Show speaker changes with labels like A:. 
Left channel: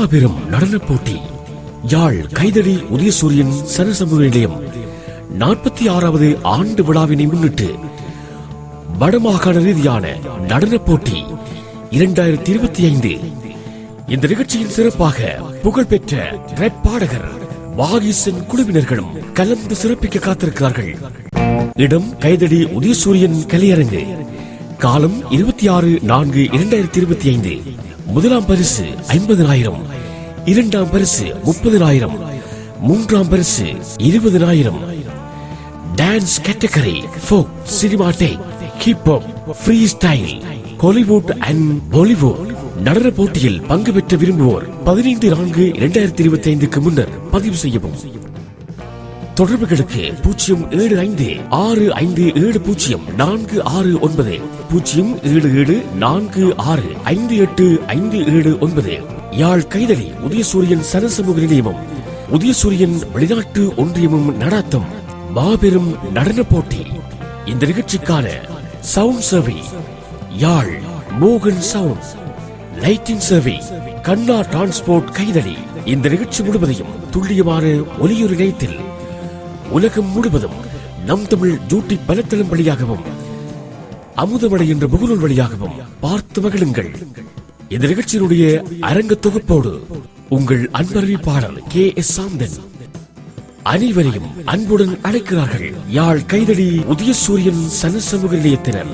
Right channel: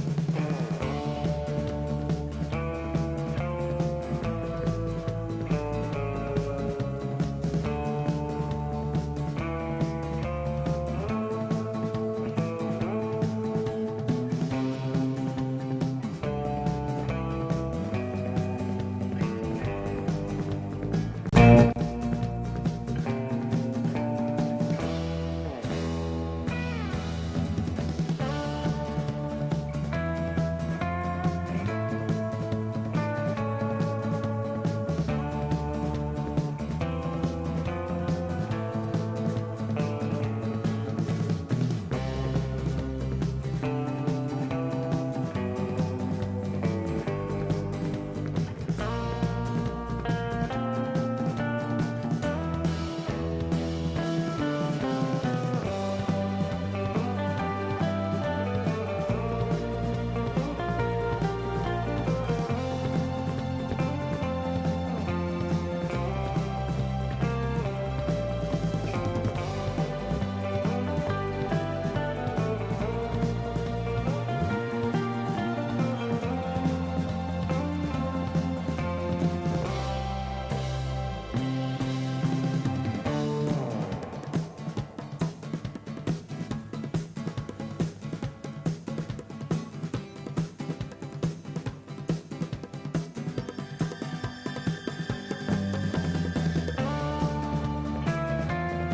A: மாபெரும் நடன போட்டி. யாழ் கைதடி உதயசூரியன் சனசமூக நிலையம். நாற்பத்தி ஆறாவது ஆண்டு விழாவினை முன்னிட்டு வடமாகாண ரீதியான நடன போட்டி இரண்டாயிரத்தி இருபத்தி ஐந்து. இந்த நிகழ்ச்சியின் சிறப்பாக புகழ்பெற்ற பாடகர் வாகிசன் குழுவினர்களும் கலந்து சிறப்பிக்க காத்திருக்கிறார்கள். இடம் கைதடி உதயசூரியன் கலையரங்கு. காலம் இருபத்தி ஆறு நான்கு இரண்டாயிரத்தி இருபத்தி ஐந்து. முதலாம் பரிசு ஐம்பதனாயிரம் இரண்டாம் பரிசு முப்பதனாயிரம் மூன்றாம் பரிசு இருபதனாயிரம் dance category folk cinematic hip hop freestyle Hollywood and Bollywood. நடன போட்டியில் பங்கு பெற்ற விரும்புவோர் பதினைந்து நான்கு இரண்டாயிரத்தி இருபத்தி ஐந்துக்கு முன்னர் பதிவு செய்யவும். தொடர்புகளுக்கு பூஜ்ஜியம் ஏழு ஐந்து ஆறு ஐந்து ஏழு பூஜ்ஜியம் நான்கு ஆறு ஒன்பது பூஜ்ஜியம் ஏழு ஏழு நான்கு ஆறு ஐந்து எட்டு ஐந்து ஏழு ஒன்பது. யாழ் கைதடி உதயசூரியன் சனசமூக நிலையமும் உதயசூரியன் வெளிநாட்டு ஒன்றியமும் நடாத்தும் மாபெரும் நடன போட்டி. இந்த நிகழ்ச்சிக்கான சவுண்ட் சர்வே யாழ் மோகன் சவுண்ட் லைட்டிங் சர்வே கண்ணா டிரான்ஸ்போர்ட் கைதலி இந்த நிகழ்ச்சி முழுவதையும் துல்லியமான ஒலியுறு இணையத்தில் உலகம் முழுவதும் நம் தமிழ் ஜூட்டி பலத்தளம் வழியாகவும் அமுதமடை என்ற முகநூல் வழியாகவும் பார்த்து மகிழுங்கள். இந்த நிகழ்ச்சியினுடைய அரங்க தொகுப்போடு உங்கள் அன்பறிவிப்பாளர் கே எஸ் சாந்தன். அனைவரையும் அன்புடன் அழைக்கிறார்கள். யாழ் கைதடி உதயசூரியன் சனசமூக நிலையத்தினர்.